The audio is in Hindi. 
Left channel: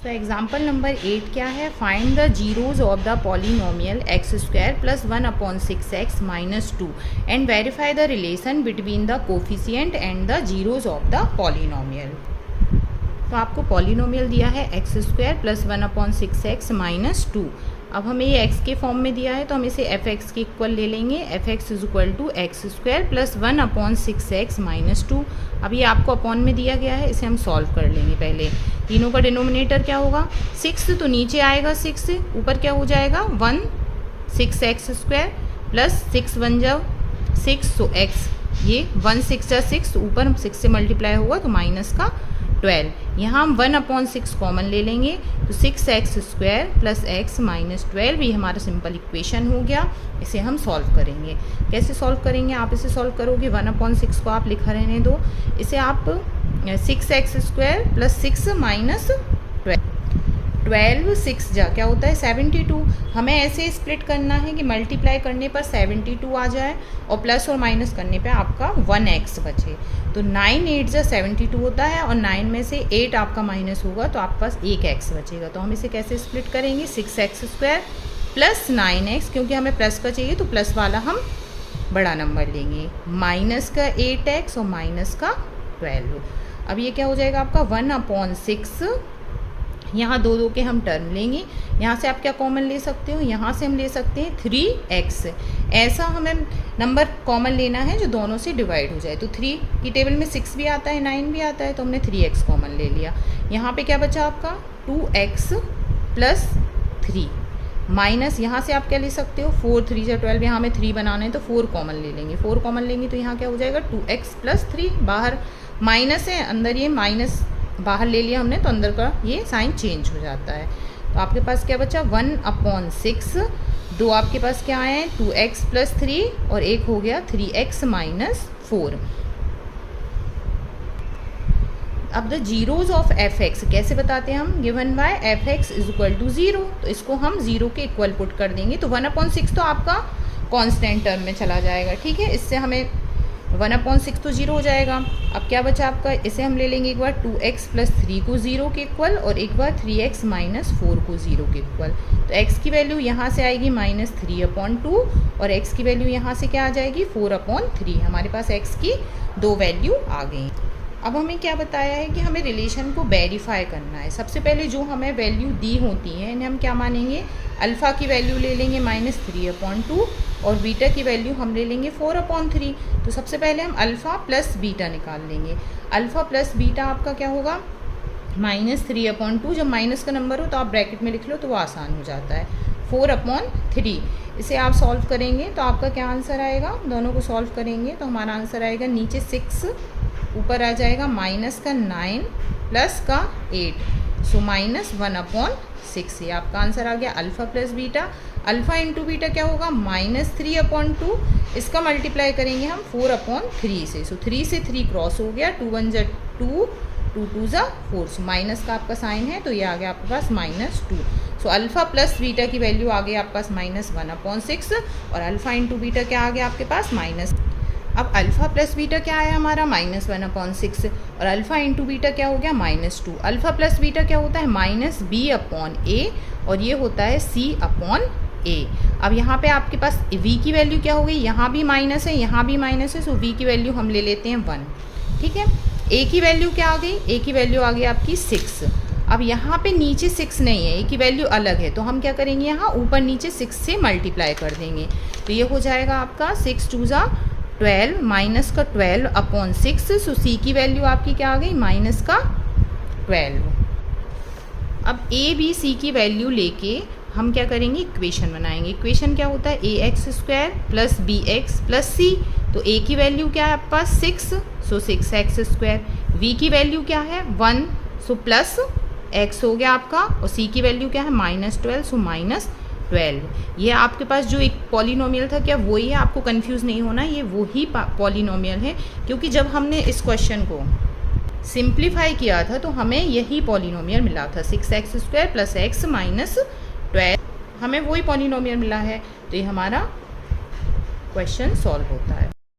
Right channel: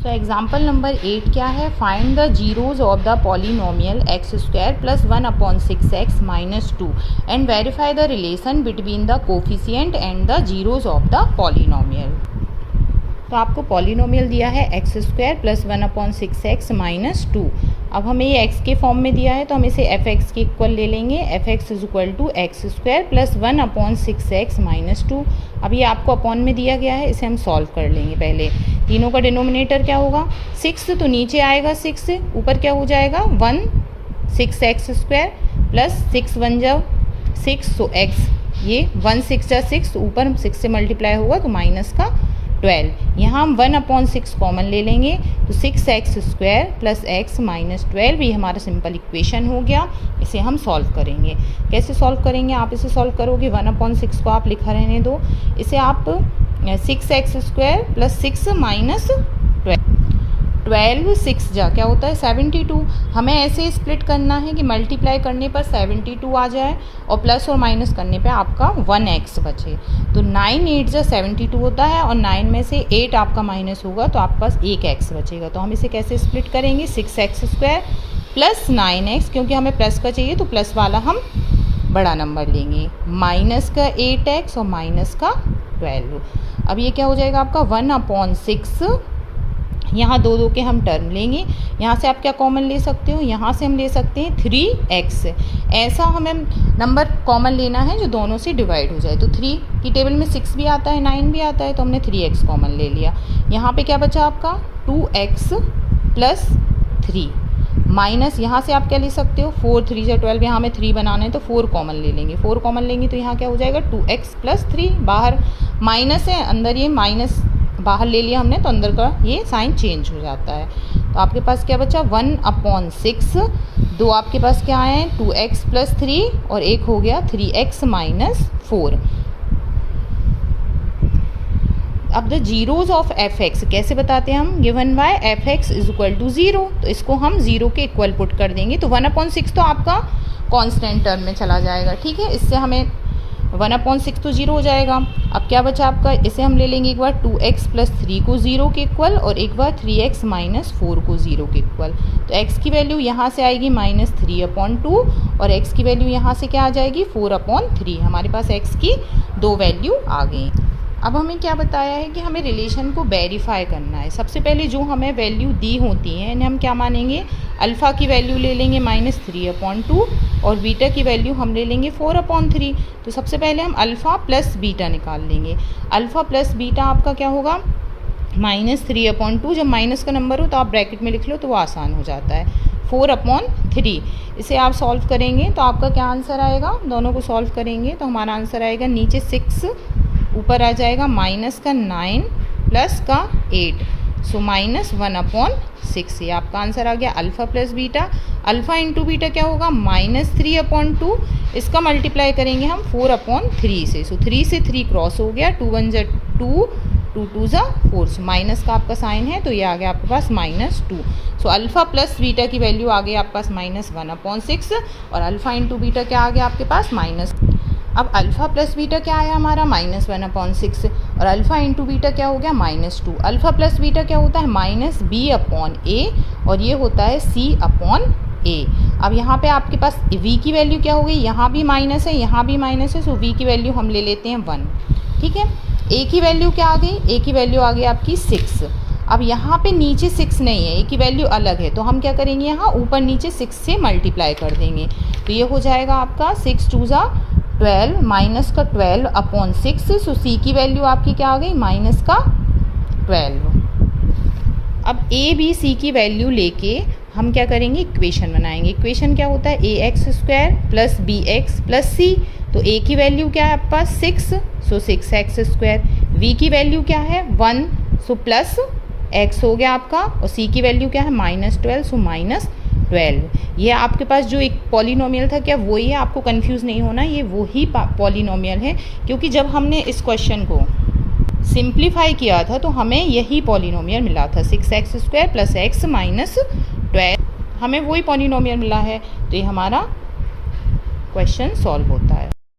सो एग्जाम्पल नंबर 8 क्या है, find the zeros of the polynomial x square plus 1/6x minus 2 and verify the relation between the coefficient and the zeros of the polynomial. तो आपको पॉलिनोमियल दिया है x square plus 1/6x minus 2। अब हमें ये x के फॉर्म में दिया है तो हम इसे एफ एक्स के इक्वल ले लेंगे। F X is equal to X square plus 1/6x minus 2। अब ये आपको अपॉन में दिया गया है, इसे हम सॉल्व कर लेंगे। पहले तीनों का डिनोमिनेटर क्या होगा 6, तो नीचे आएगा 6, ऊपर क्या हो जाएगा 1 6x स्क्वायर प्लस 6 1 जा 6, तो x ये 1 6 जा 6, ऊपर 6 से मल्टीप्लाई होगा तो माइनस का 12। यहाँ हम 1/6 कॉमन ले लेंगे तो 6x square plus x minus 12, ये हमारा सिंपल इक्वेशन हो गया। इसे हम सॉल्व करेंगे। कैसे सॉल्व करेंगे, आप इसे सॉल्व करोगे 1/6 को आप लिखा रहने दो, इसे आप 6x स्क्वायर प्लस 6 माइनस 12 6 जा क्या होता है 72। हमें ऐसे स्प्लिट करना है कि मल्टीप्लाई करने पर 72 आ जाए और प्लस और माइनस करने पे आपका 1x बचे। तो 9 8 जा 72 होता है और 9 में से 8 आपका माइनस होगा तो आपके पास 1x बचेगा। तो हम इसे कैसे स्प्लिट करेंगे 6x स्क्वायर प्लस 9x, क्योंकि हमें प्लस का चाहिए तो प्लस वाला हम बड़ा नंबर लेंगे, माइनस का 8x और माइनस का 12। अब ये क्या हो जाएगा आपका 1/6, यहाँ दो दो के हम टर्म लेंगे। यहाँ से आप क्या कॉमन ले सकते हो, यहाँ से हम ले सकते हैं 3x। ऐसा हमें नंबर कॉमन लेना है जो दोनों से डिवाइड हो जाए। तो 3 की टेबल में 6 भी आता है 9 भी आता है, तो हमने 3x कॉमन ले लिया। यहाँ पे क्या बचा आपका 2x प्लस 3 माइनस, यहाँ से आप क्या ले सकते हो 4 3 जा 12, यहाँ हमें 3 बनाना है तो 4 कॉमन ले लेंगे। 4 कॉमन लेंगे तो यहाँ क्या हो जाएगा 2x प्लस 3, बाहर माइनस है अंदर ये माइनस बाहर ले लिया हमने तो अंदर का ये साइन चेंज हो जाता है। तो आपके पास क्या बचा 1/6, दो आपके पास क्या आए हैं 2x प्लस 3 और एक हो गया 3x माइनस 4। अब the zeros of F X कैसे बताते हैं हम, given by F X is equal to 0, तो इसको हम 0 के इक्वल पुट कर देंगे। तो 1/6 तो आपका कांस्टेंट टर्म में चला जाएगा, ठीक है। इससे हमें 1/6 तो 0 हो जाएगा। अब क्या बचा आपका, इसे हम ले लेंगे एक बार 2x प्लस 3 को 0 के इक्वल और एक बार 3x माइनस 4 को 0 के इक्वल। तो x की वैल्यू यहाँ से आएगी -3/2 और x की वैल्यू यहाँ से क्या आ जाएगी 4/3। हमारे पास x की 2 वैल्यू आ गई। अब हमें क्या बताया है कि हमें रिलेशन को वेरीफाई करना है। सबसे पहले जो हमें वैल्यू दी होती हैं इन्हें हम क्या मानेंगे, अल्फ़ा की वैल्यू ले लेंगे -3/2 और बीटा की वैल्यू हम ले लेंगे 4/3। तो सबसे पहले हम अल्फ़ा प्लस बीटा निकाल लेंगे। अल्फ़ा प्लस बीटा आपका क्या होगा -3/2, जब माइनस का नंबर हो तो आप ब्रैकेट में लिख लो तो वो आसान हो जाता है 4/3। इसे आप सॉल्व करेंगे तो आपका क्या आंसर आएगा, दोनों को सॉल्व करेंगे तो हमारा आंसर आएगा नीचे 6, ऊपर आ जाएगा माइनस का 9 प्लस का 8, सो -1/6। ये आपका आंसर आ गया alpha plus beta. Alpha into beta क्या होगा -3/2, इसका मल्टीप्लाई करेंगे हम 4/3 से। सो 3 से 3 क्रॉस हो गया, 2 1 जा 2, 2 2 जा 4, सो माइनस का आपका साइन है तो ये आ गया आपके पास -2। सो अल्फ़ा प्लस बीटा की वैल्यू आ गई आपके पास -1/6 और अल्फ़ा इंटू बीटा क्या आ गया आपके पास माइनस। अब अल्फ़ा प्लस बीटा क्या आया हमारा -1/6 और अल्फ़ा इंटू बीटा क्या हो गया -2। अल्फ़ा प्लस बीटा क्या होता है -b/a और ये होता है c/a। अब यहाँ पे आपके पास v की वैल्यू क्या हो गई, यहाँ भी माइनस है यहाँ भी माइनस है, सो v की वैल्यू हम ले लेते हैं 1, ठीक है। a की वैल्यू क्या आ गई, a की वैल्यू आ गई आपकी 6। अब यहाँ पे नीचे 6 नहीं है, a की वैल्यू अलग है, तो हम क्या करेंगे यहाँ ऊपर नीचे 6 से मल्टीप्लाई कर देंगे। तो ये हो जाएगा आपका 6 2 जा 12 माइनस का 12/6, सो c की वैल्यू आपकी क्या आ गई माइनस का 12। अब a b c की वैल्यू लेके हम क्या करेंगे इक्वेशन बनाएंगे। इक्वेशन क्या होता है ax square plus bx plus c। तो a की वैल्यू क्या है आपके पास 6, सो 6x स्क्वायर। v की वैल्यू क्या है 1, सो प्लस x हो गया आपका और c की वैल्यू क्या है -12, सो -12। ये आपके पास जो एक पॉलिनोमियल था क्या वही है, आपको कंफ्यूज नहीं होना, ये वही पॉलिनोमियल है, क्योंकि जब हमने इस क्वेश्चन को सिंप्लीफाई किया था तो हमें यही पॉलिनोमियल मिला था 6x square plus x minus 12, हमें वही पॉलिनोमियल मिला है। तो ये हमारा क्वेश्चन सॉल्व होता है।